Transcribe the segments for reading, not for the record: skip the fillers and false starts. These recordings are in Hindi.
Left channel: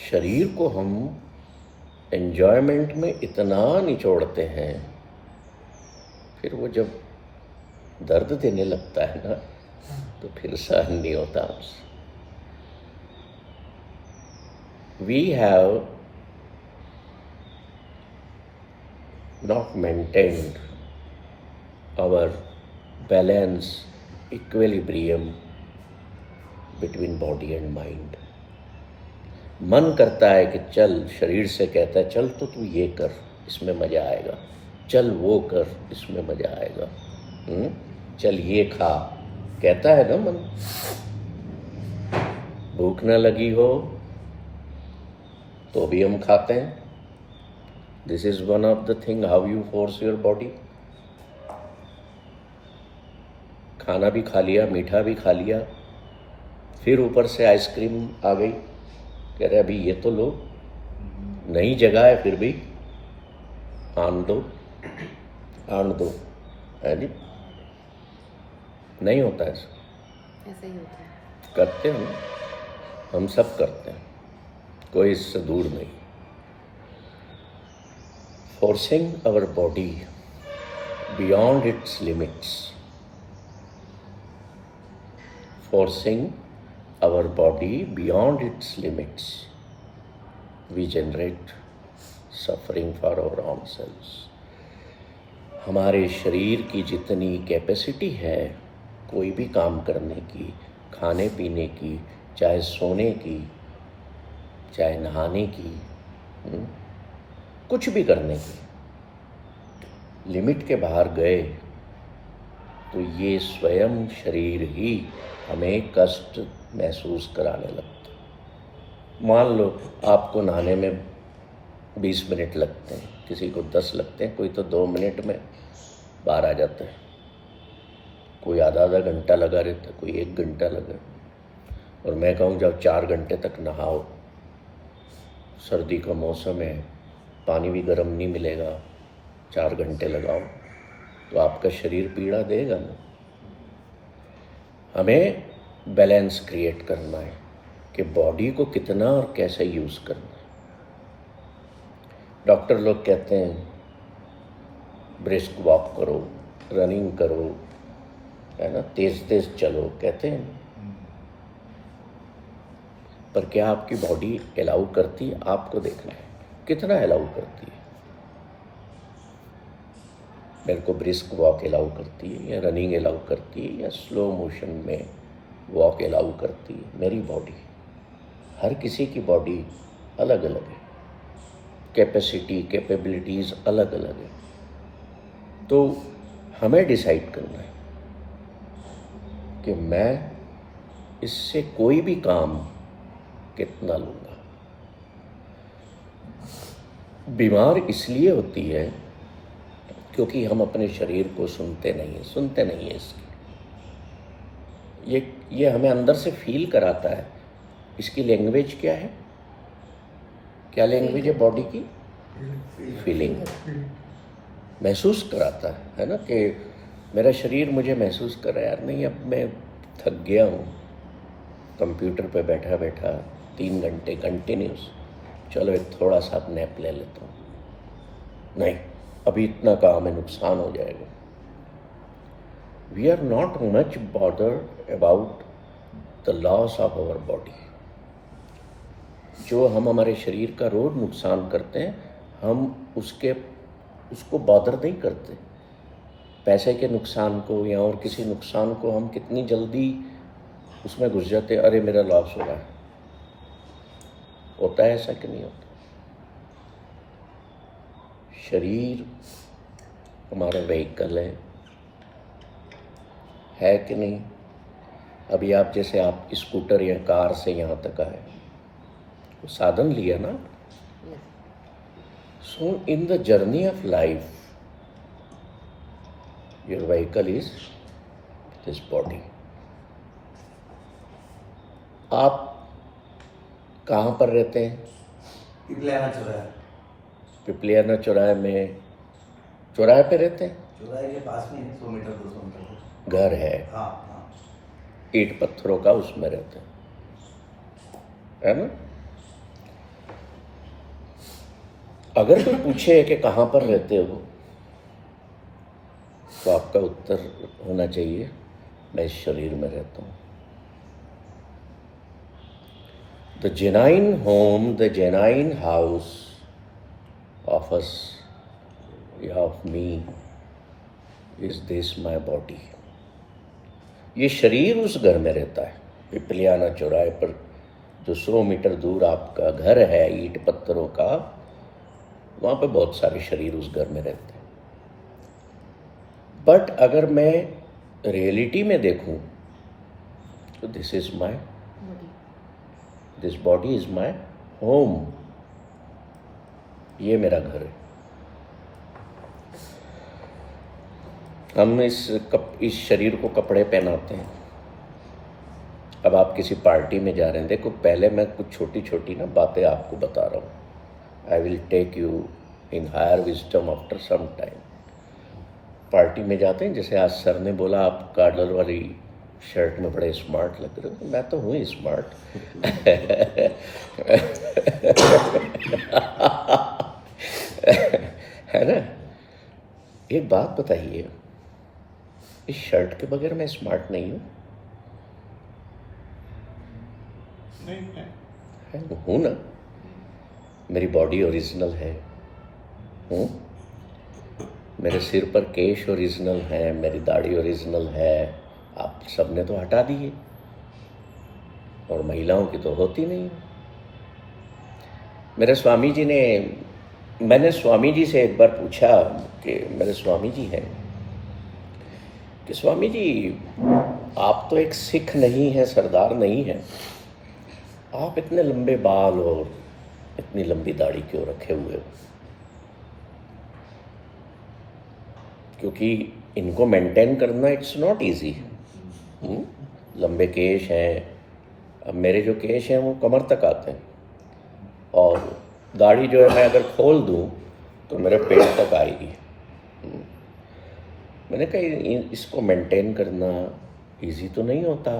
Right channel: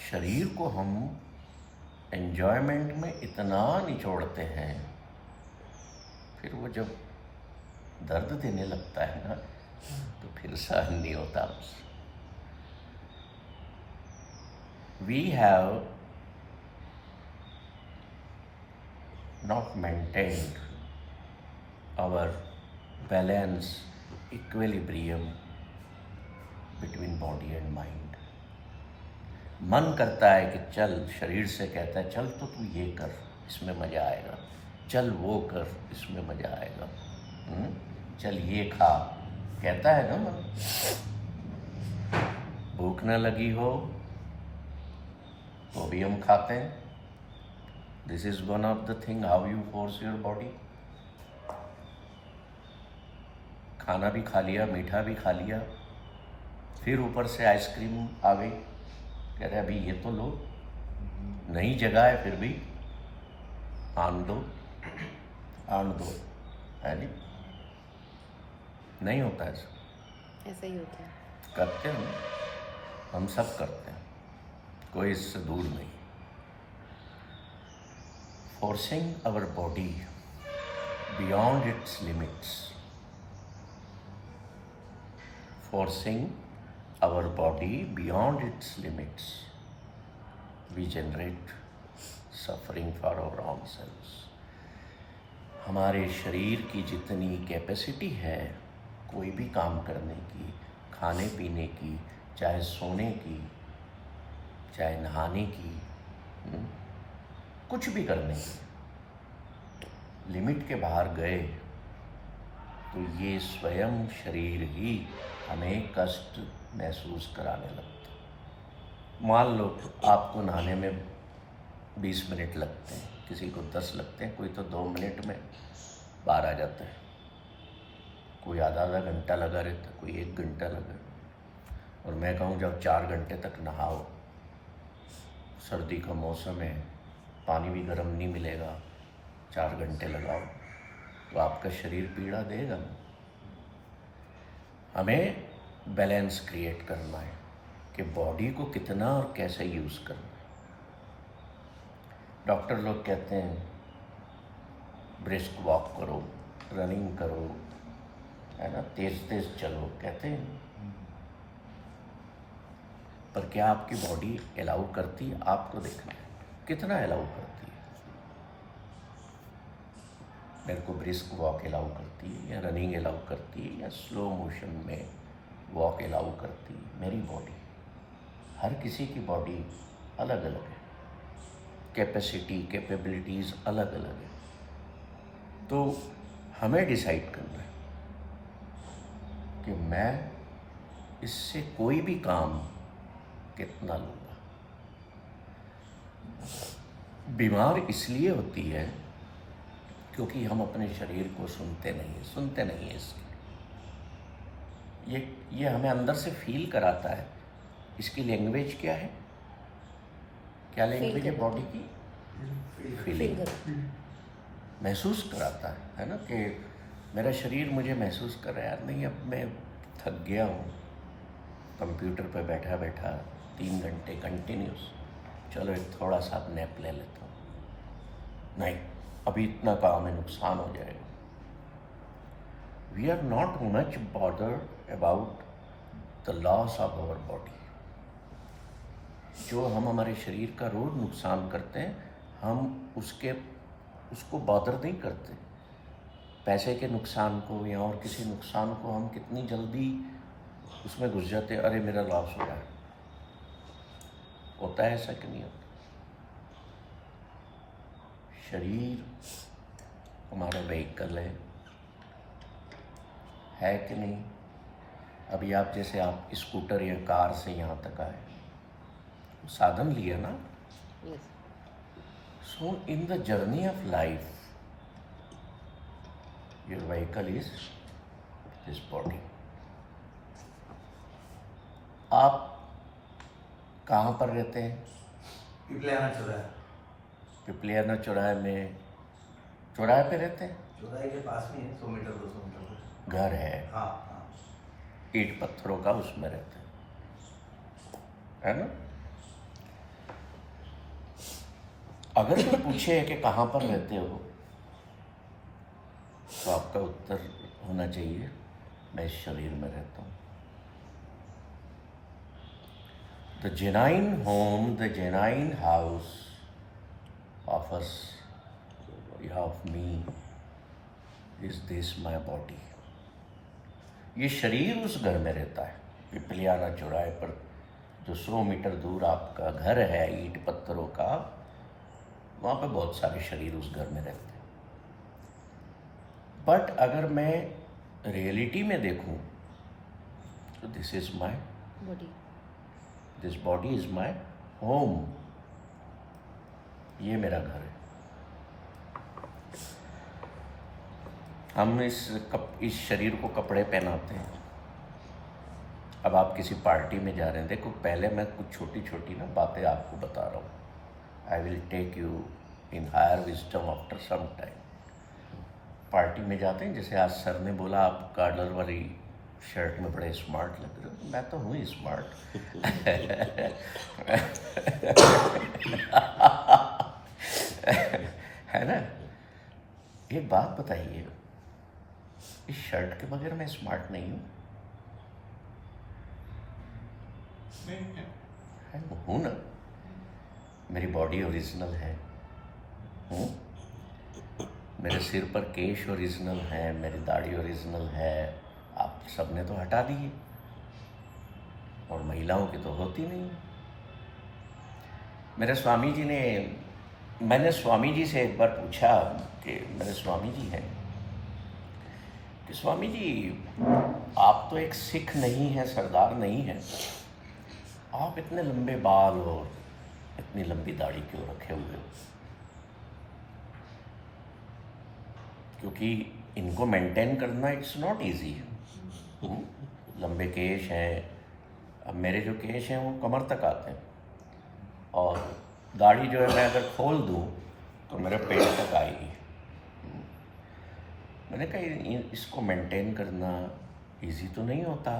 शरीर को हम एन्जॉयमेंट में इतना निचोड़ते हैं, फिर वो जब दर्द देने लगता है ना, तो फिर सहन नहीं होता हमसे। We have not maintained our balance, equilibrium between body and mind. मन करता है कि चल, शरीर से कहता है चल तो तू ये कर, इसमें मज़ा आएगा, चल वो कर, इसमें मज़ा आएगा, चल ये खा, कहता है ना मन। भूख न लगी हो तो भी हम खाते हैं। This is one of the thing how you force your body. खाना भी खा लिया, मीठा भी खा लिया, फिर ऊपर से आइसक्रीम आ गई, कह रहे अभी ये तो लो, नई जगह है फिर भी आन दो, है जी। नहीं होता ऐसा ही होता है। करते हम सब करते हैं, कोई इससे दूर नहीं। Forcing our body beyond its limits, forcing our body beyond its limits, we generate suffering for our own selves. हमारे शरीर की जितनी कैपेसिटी है कोई भी काम करने की, खाने पीने की, चाहे सोने की, चाहे नहाने की, कुछ भी करने की, लिमिट के बाहर गए तो ये स्वयं शरीर ही हमें कष्ट महसूस कराने लगता। मान लो आपको नहाने में 20 मिनट लगते हैं, किसी को 10 लगते हैं, कोई तो 2 मिनट में बाहर आ जाता है, कोई आधा घंटा लगा रहता, कोई 1 घंटा लगा। और मैं कहूँ जब 4 घंटे तक नहाओ, सर्दी का मौसम है, पानी भी गर्म नहीं मिलेगा, 4 घंटे लगाओ तो आपका शरीर पीड़ा देगा ना। हमें बैलेंस क्रिएट करना है कि बॉडी को कितना और कैसे यूज़ करना है। डॉक्टर लोग कहते हैं ब्रिस्क वॉक करो, रनिंग करो, है ना, तेज तेज चलो, कहते हैं। पर क्या आपकी बॉडी अलाउ करती है? आपको देखना है कितना अलाउ करती है। मेरे को ब्रिस्क वॉक अलाउ करती है, या रनिंग अलाउ करती है, या स्लो मोशन में वॉक अलाउ करती है मेरी बॉडी। हर किसी की बॉडी अलग अलग है, कैपेसिटी कैपेबिलिटीज़ अलग अलग है। तो हमें डिसाइड करना है कि मैं इससे कोई भी काम कितना लूँगा। बीमार इसलिए होती है क्योंकि हम अपने शरीर को सुनते नहीं हैं इसकी। ये हमें अंदर से फील कराता है। इसकी लैंग्वेज क्या है? क्या लैंग्वेज है बॉडी की? फीलिंग। महसूस कराता है ना, कि मेरा शरीर मुझे महसूस कर रहा है यार, नहीं अब मैं थक गया हूँ, कंप्यूटर पे बैठा बैठा 3 घंटे कंटिन्यूस, चलो एक थोड़ा सा नैप ले लेता हूँ, नहीं अभी इतना काम है, नुकसान हो जाएगा। We are not much bothered about the loss of our body. जो हम हमारे शरीर का रोज नुकसान करते हैं, हम उसको बॉदर नहीं करते। पैसे के नुकसान को या और किसी नुकसान को हम कितनी जल्दी उसमें घुस जाते हैं, अरे मेरा लॉस हो रहा है। होता है ऐसा कि नहीं होता? शरीर हमारा व्हीकल है कि नहीं? अभी आप जैसे आप स्कूटर या कार से यहाँ तक आए, वो साधन लिया ना। So in the journey of life your vehicle is this body. आप कहाँ पर रहते हैं? पिपलियाना चौराहे में, चौराहे पे रहते हैं? चौराहे के पास में 100 मीटर 200 मीटर घर है। हाँ। ईंट पत्थरों का उसमें रहते हैं, है ना। अगर कोई पूछे कि कहाँ पर रहते हो, तो आपका उत्तर होना चाहिए, मैं इस शरीर में रहता हूँ। The genuine home, the genuine house of us या of me is this my body. ये शरीर उस घर में रहता है, पिपलियाना चौराहे पर जो 100 मीटर दूर आपका घर है ईंट पत्थरों का, वहाँ पे बहुत सारे शरीर उस घर में रहते हैं। बट अगर मैं रियलिटी में देखूं तो this is my, this body is my home, ये मेरा घर है। हम इस शरीर को कपड़े पहनाते हैं। अब आप किसी पार्टी में जा रहे हैं, देखो पहले मैं कुछ छोटी छोटी ना बातें आपको बता रहा हूँ। I will take you in higher wisdom after some time. Party में जाते हैं, जैसे आज सर ने बोला आप कार्डल वाली शर्ट में बड़े स्मार्ट लग रहे हो, मैं तो हूँ स्मार्ट। है ना। एक बात बताइए, इस शर्ट के बगैर मैं स्मार्ट नहीं हूँ? हूँ ना। मेरी बॉडी ओरिजिनल है, हूँ। मेरे सिर पर केश ओरिजिनल है, मेरी दाढ़ी ओरिजिनल है। आप सबने तो हटा दिए, और महिलाओं की तो होती नहीं। मेरे स्वामी जी ने, मैंने स्वामी जी से एक बार पूछा कि मेरे स्वामी जी हैं कि स्वामी जी आप तो एक सिख नहीं हैं, सरदार नहीं हैं, आप इतने लंबे बाल और इतनी लंबी दाढ़ी क्यों रखे हुए हो? क्योंकि इनको मेंटेन करना इट्स नॉट इजी। लंबे केश हैं, अब मेरे जो केश हैं वो कमर तक आते हैं, और दाढ़ी जो है मैं अगर खोल दूं तो मेरे पेट तक आएगी। मैंने कहा इसको मेंटेन करना इजी तो नहीं होता,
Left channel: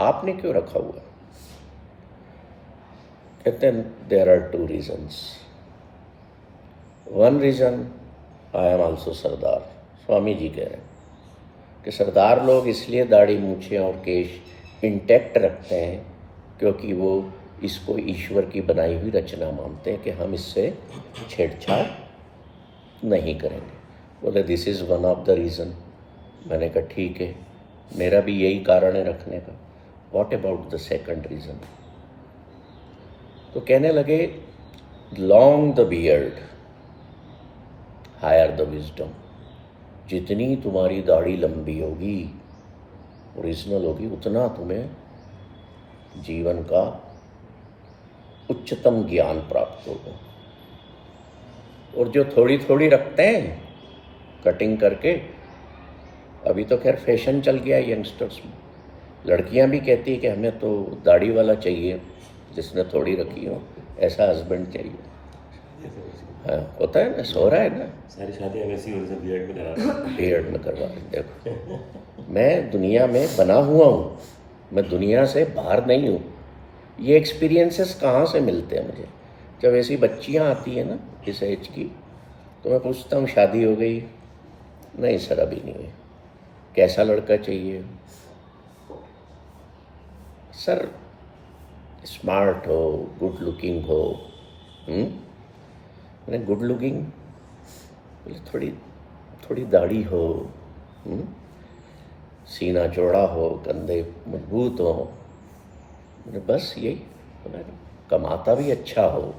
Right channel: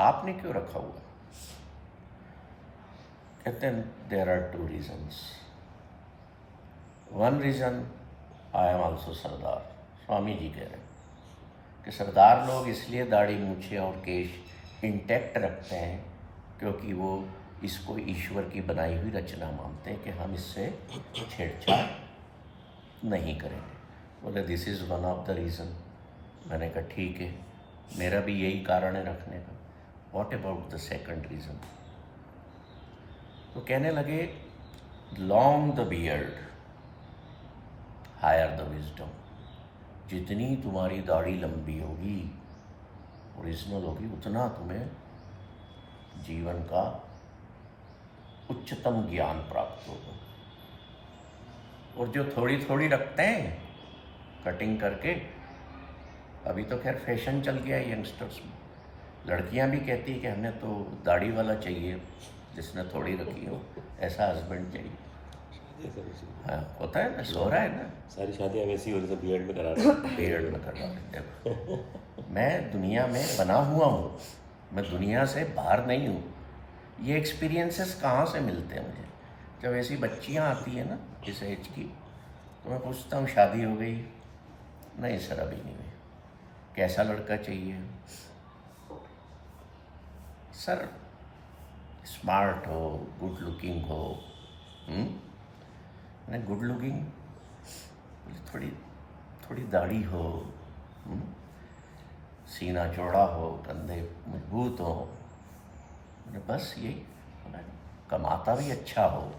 आपने क्यों रखा हुआ? कहते हैं there are 2 reasons. 1 reason I am also सरदार। स्वामी जी कह रहे हैं कि सरदार लोग इसलिए दाढ़ी मूछें और केश इंटैक्ट रखते हैं क्योंकि वो इसको ईश्वर की बनाई हुई रचना मानते हैं कि हम इससे छेड़छाड़ नहीं करेंगे। बोले this is one of the reason. मैंने कहा ठीक है, मेरा भी यही कारण है रखने का। What about the second reason? तो कहने लगे long the beard higher the wisdom. जितनी तुम्हारी दाढ़ी लंबी होगी, ओरिजिनल होगी, उतना तुम्हें जीवन का उच्चतम ज्ञान प्राप्त होगा। और जो थोड़ी थोड़ी रखते हैं कटिंग करके, अभी तो खैर फैशन चल गया है यंगस्टर्स में, लड़कियां भी कहती है कि हमें तो दाढ़ी वाला चाहिए जिसने थोड़ी रखी हो, ऐसा हस्बैंड चाहिए। हाँ, होता है ना, सो रहा है ना, सारी शादियाँ वैसी हो जैसे बीएड में करा। बीएड में करवा रहे। देखो मैं दुनिया में बना हुआ हूँ, मैं दुनिया से बाहर नहीं हूँ। ये एक्सपीरियंसेस कहाँ से मिलते हैं मुझे? जब ऐसी बच्चियाँ आती हैं ना इस एज की, तो मैं पूछता हूँ शादी हो गई? नहीं सर अभी नहीं हुई। कैसा लड़का चाहिए? सर स्मार्ट हो, गुड लुकिंग हो। मैंने गुड लुकिंग बोले थोड़ी थोड़ी दाढ़ी हो, सीना चौड़ा हो, कंधे मजबूत हो। मैंने बस यही। बोला कमाता भी अच्छा हो।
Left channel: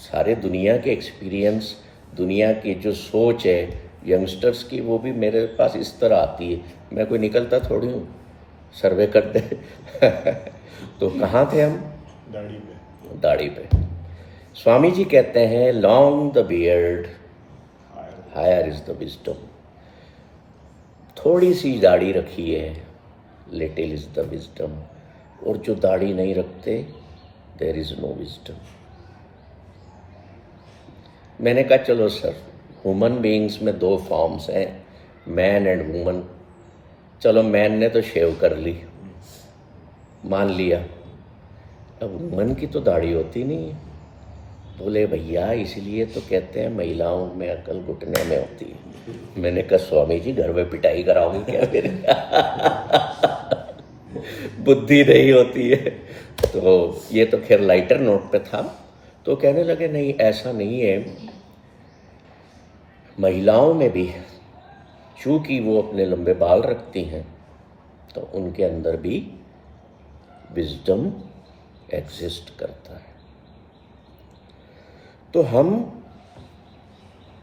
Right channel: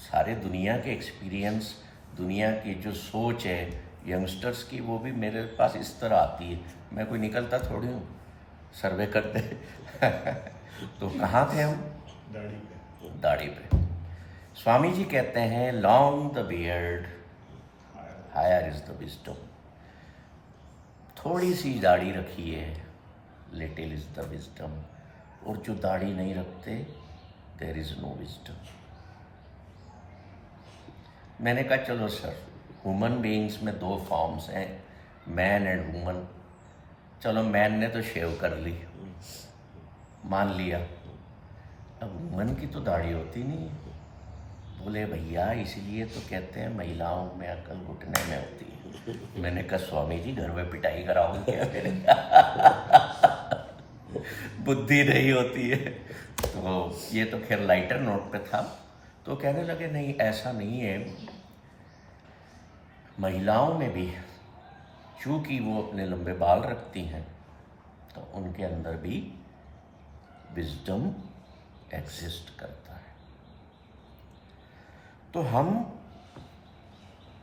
सारे दुनिया के एक्सपीरियंस, दुनिया की जो सोच है यंगस्टर्स की, वो भी मेरे पास इस तरह आती है। मैं कोई निकलता थोड़ी हूँ, सर्वे करते। तो कहाँ थे हम? दाढ़ी पे। दाढ़ी पे। स्वामी जी कहते हैं long the beard higher is the wisdom. थोड़ी सी दाढ़ी रखी है, लिटिल इज द विजडम। और जो दाढ़ी नहीं रखते देयर इज नो विजडम। मैंने कहा चलो सर, ह्यूमन बीइंग्स में 2 फॉर्म्स हैं, मैन एंड वुमन। चलो मैन ने तो शेव कर ली, मान लिया। अब वुमन की तो दाढ़ी होती नहीं है, बोले भैया इसलिए तो कहते हैं महिलाओं में अकल घुटने में होती है। मैंने कहा स्वामी जी घर में पिटाई कराऊंगी क्या मेरे? बुद्धि नहीं होती है। तो ये तो खैर लाइटर नोट पे था। तो कहने लगे नहीं ऐसा नहीं है, महिलाओं में भी चूंकि वो अपने लंबे बाल रखती हैं तो उनके अंदर भी विजडम एग्जिस्ट करता है। तो हम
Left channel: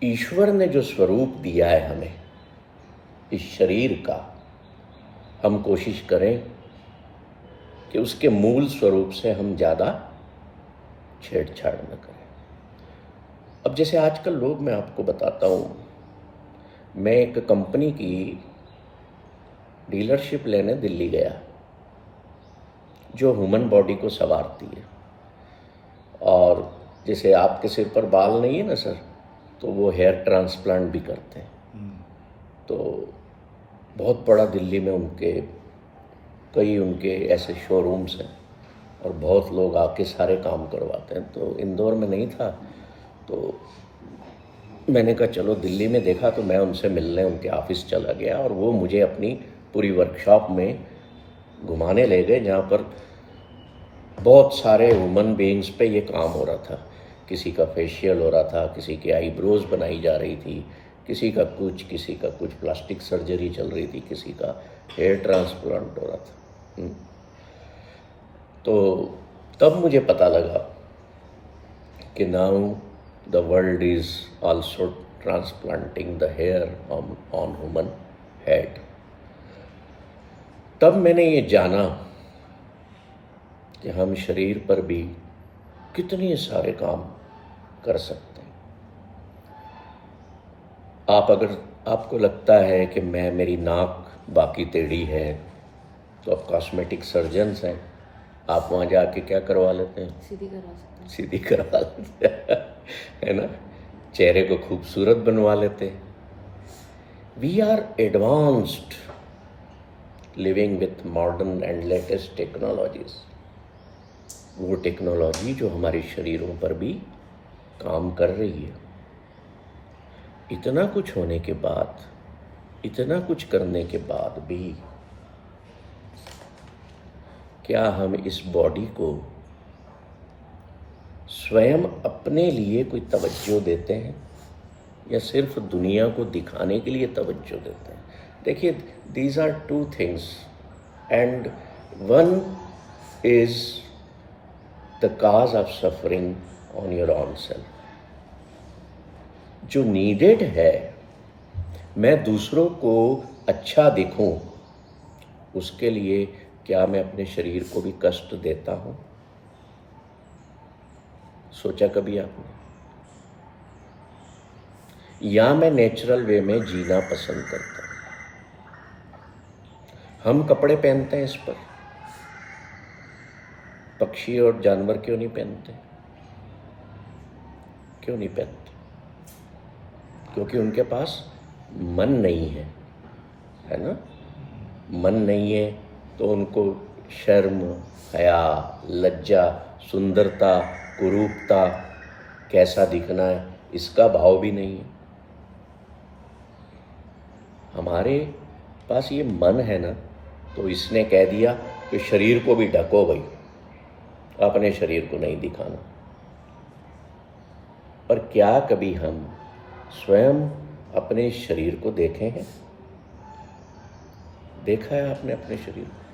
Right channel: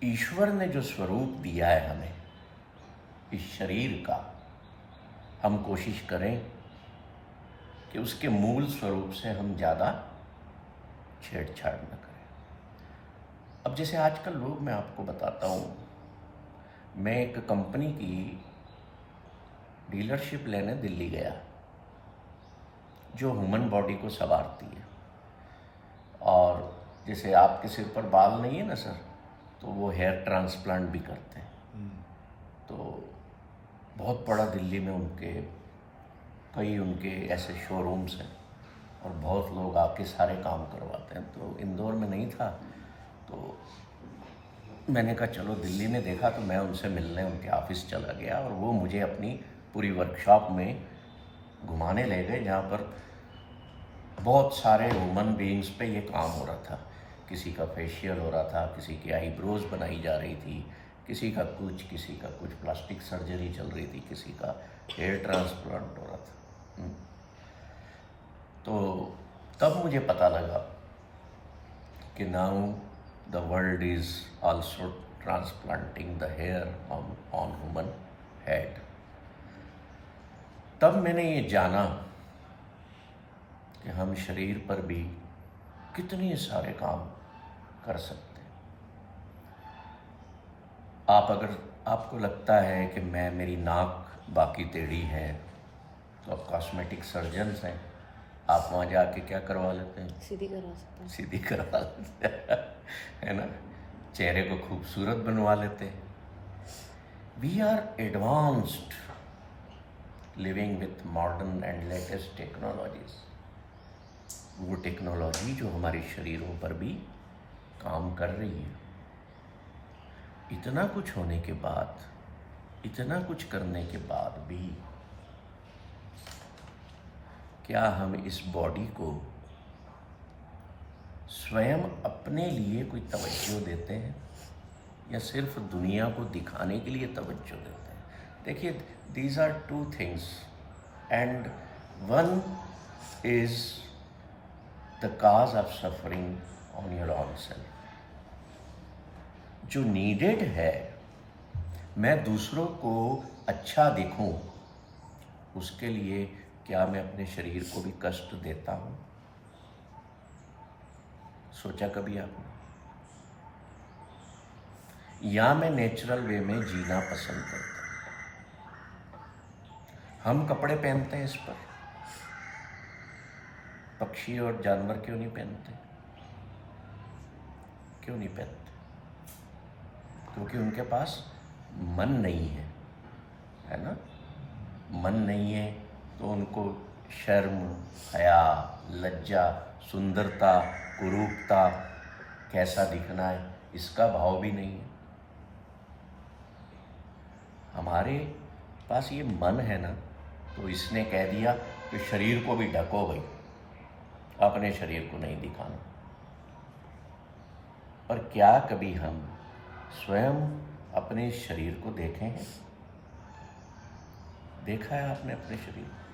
ईश्वर ने जो स्वरूप दिया है हमें इस शरीर का, हम कोशिश करें कि उसके मूल स्वरूप से हम ज़्यादा छेड़छाड़ न करें। अब जैसे आजकल लोग, मैं आपको बताता हूँ, मैं एक कंपनी की डीलरशिप लेने दिल्ली गया जो ह्यूमन बॉडी को संवारती है। और जैसे आपके सिर पर बाल नहीं है ना सर, तो वो हेयर ट्रांसप्लांट भी करते हैं। तो बहुत बड़ा दिल्ली में कई उनके ऐसे शोरूम्स हैं और बहुत लोग आके सारे काम करवाते हैं। तो इंदौर में नहीं था, तो मैंने कहा चलो दिल्ली में देखा, तो मैं उनसे मिलने उनके ऑफिस चला गया और वो मुझे अपनी पूरी वर्कशॉप में घुमाने ले गए जहाँ पर बहुत सारे ह्यूमन बीइंग्स पे ये काम हो रहा था। किसी का फेशियल हो रहा था, किसी की आईब्रोज बनाई जा रही थी, किसी का कुछ प्लास्टिक सर्जरी चल रही थी, किसी का हेयर ट्रांसप्लांट हो रहा था। तो तब मुझे पता लगा कि now the world is also transplanting the hair on human head. तब मैंने ये जाना कि हम शरीर पर भी कितने सारे काम कर सकते हैं। अगर आपको लगता है कि मेरी नाक बाकी टेढ़ी है, तो आप कॉस्मेटिक सर्जन्स हैं, आप वहाँ जाके क्या करवा लेते हैं? सीधी करवा सकते हैं। सीधी करवा लेते हैं, है ना? चेहरे को खूबसूरत बनवा लेते हैं। We are advanced living with modern and latest technologies. वो टेक्नोलॉजी जो हमारे शरीरों पर भी काम कर रही है। इतना कुछ होने के बाद, इतना कुछ करने के बाद भी क्या हम इस बॉडी को स्वयं अपने लिए कोई तवज्जो देते हैं या सिर्फ दुनिया को दिखाने के लिए तवज्जो देते हैं? देखिए, these are two things and one is the cause of suffering on your own self. जो नीडेड है, मैं दूसरों को अच्छा दिखूं, उसके लिए क्या मैं अपने शरीर को भी कष्ट देता हूं? सोचा कभी आपने? या मैं नेचुरल वे में जीना पसंद करता हूं? हम कपड़े पहनते हैं इस पर, पक्षी और जानवर क्यों नहीं पहनते? क्यों नहीं पहनते? क्योंकि उनके पास मन नहीं है ना? मन नहीं है तो उनको शर्म, हया, लज्जा, सुंदरता, कुरूपता, कैसा दिखना है, इसका भाव भी नहीं है। हमारे पास ये मन है ना, तो इसने कह दिया कि शरीर को भी ढको भाई, अपने शरीर को नहीं दिखाना। पर क्या कभी हम स्वयं अपने शरीर को देखे हैं? देखा है आपने अपने शरीर को?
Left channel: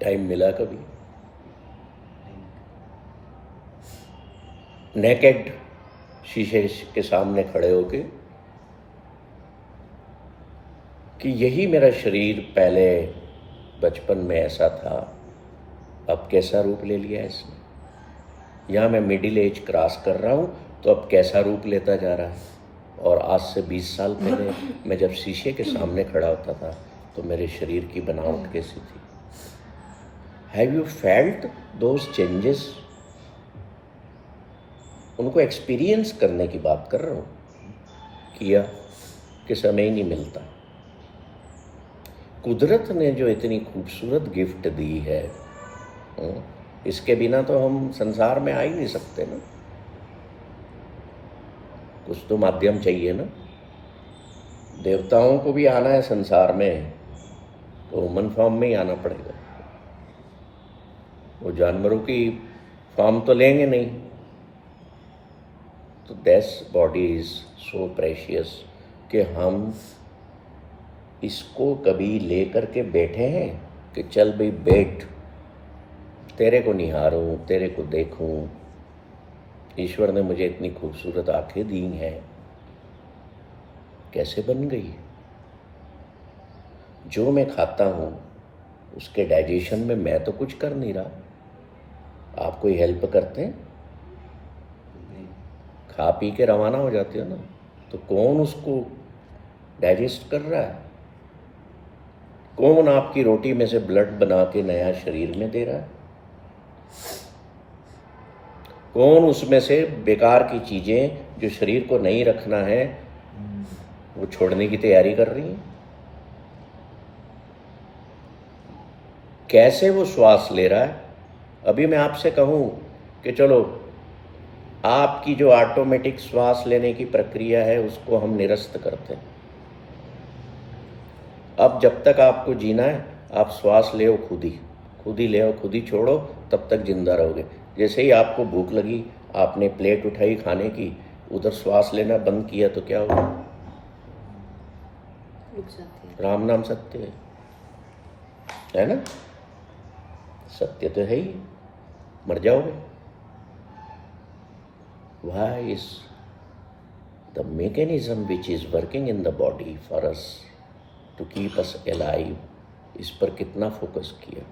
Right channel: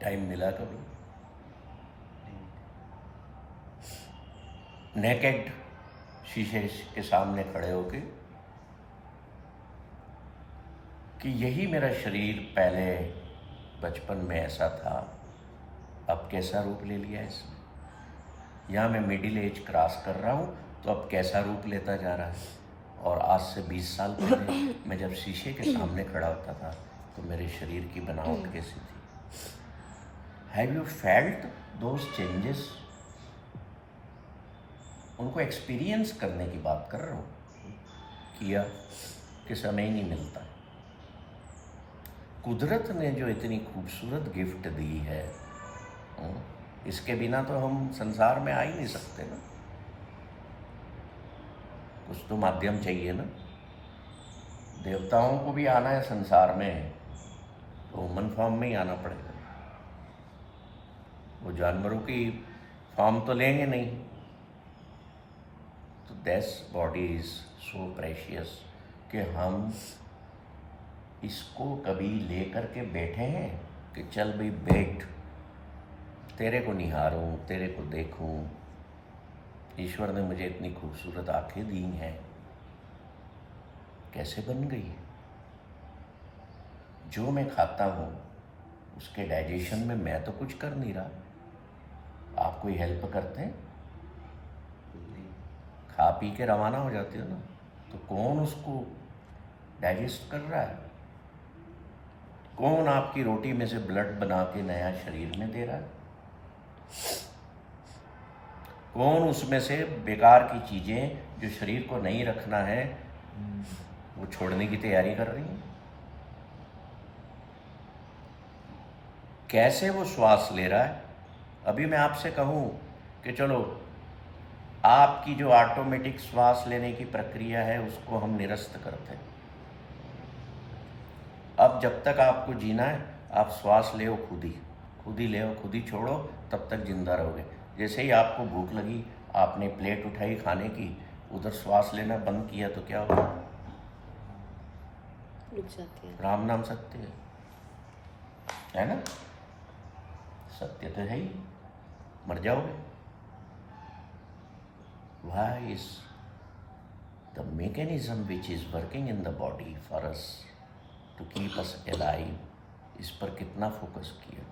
टाइम मिला कभी? नेकेड शीशे के सामने खड़े होके कि यही मेरा शरीर पहले बचपन में ऐसा था, अब कैसा रूप ले लिया इसने, या मैं मिडिल एज क्रॉस कर रहा हूँ तो अब कैसा रूप लेता जा रहा है। और आज से 20 साल पहले मैं जब शीशे के सामने खड़ा होता था तो मेरे शरीर की बनावट कैसी थी? Have you felt those changes? उनको एक्सपीरियंस करने की बात कर रहा हूँ, किया कि समय ही नहीं मिलता। कुदरत ने जो इतनी खूबसूरत गिफ्ट दी है, इसके बिना तो हम संसार में आ ही नहीं सकते ना, कुछ तो माध्यम चाहिए ना। देवताओं को भी आना है संसार में तो ह्यूमन फॉर्म में ही आना पड़ेगा, वो जानवरों की फॉर्म तो लेंगे नहीं। तो this body is so precious कि हम इसको कभी लेकर के बैठे हैं कि चल भाई बैठ, तेरे को निहारूं, तेरे को देखूं। ईश्वर ने मुझे इतनी खूबसूरत आंखें दी हैं, कैसे बन गई? जो मैं खाता हूं उसके डाइजेशन में मैं तो कुछ कर नहीं रहा। आप कोई हेल्प करते हैं? खा पी के रवाना हो जाते हो ना, तो कौन उसको डाइजेस्ट कर रहा है? कौन आपकी रोटी में से ब्लड बना के नया शरीर में दे रहा है? कौन उसमें से बेकार की चीजें जो शरीर को नहीं रखना है वो छोड़ने की तैयारी कर रही है? कैसे वो श्वास ले रहा है? अभी मैं आपसे कहूं कि चलो आपकी जो ऑटोमेटिक श्वास लेने की प्रक्रिया है उसको हम निरस्त करते हैं। अब जब तक आपको जीना है आप श्वास ले खुद ही ले खुद ही छोड़ो, तब तक जिंदा रहोगे। जैसे ही आपको भूख लगी, आपने प्लेट उठाई खाने की, उधर श्वास लेना बंद किया तो क्या होगा? रुक जाती है। राम नाम सत्य है ना? सत्य तो है ही, मर जाओगे। Why is the mechanism which is working in the body for us to keep us alive, इस पर कितना फोकस किया?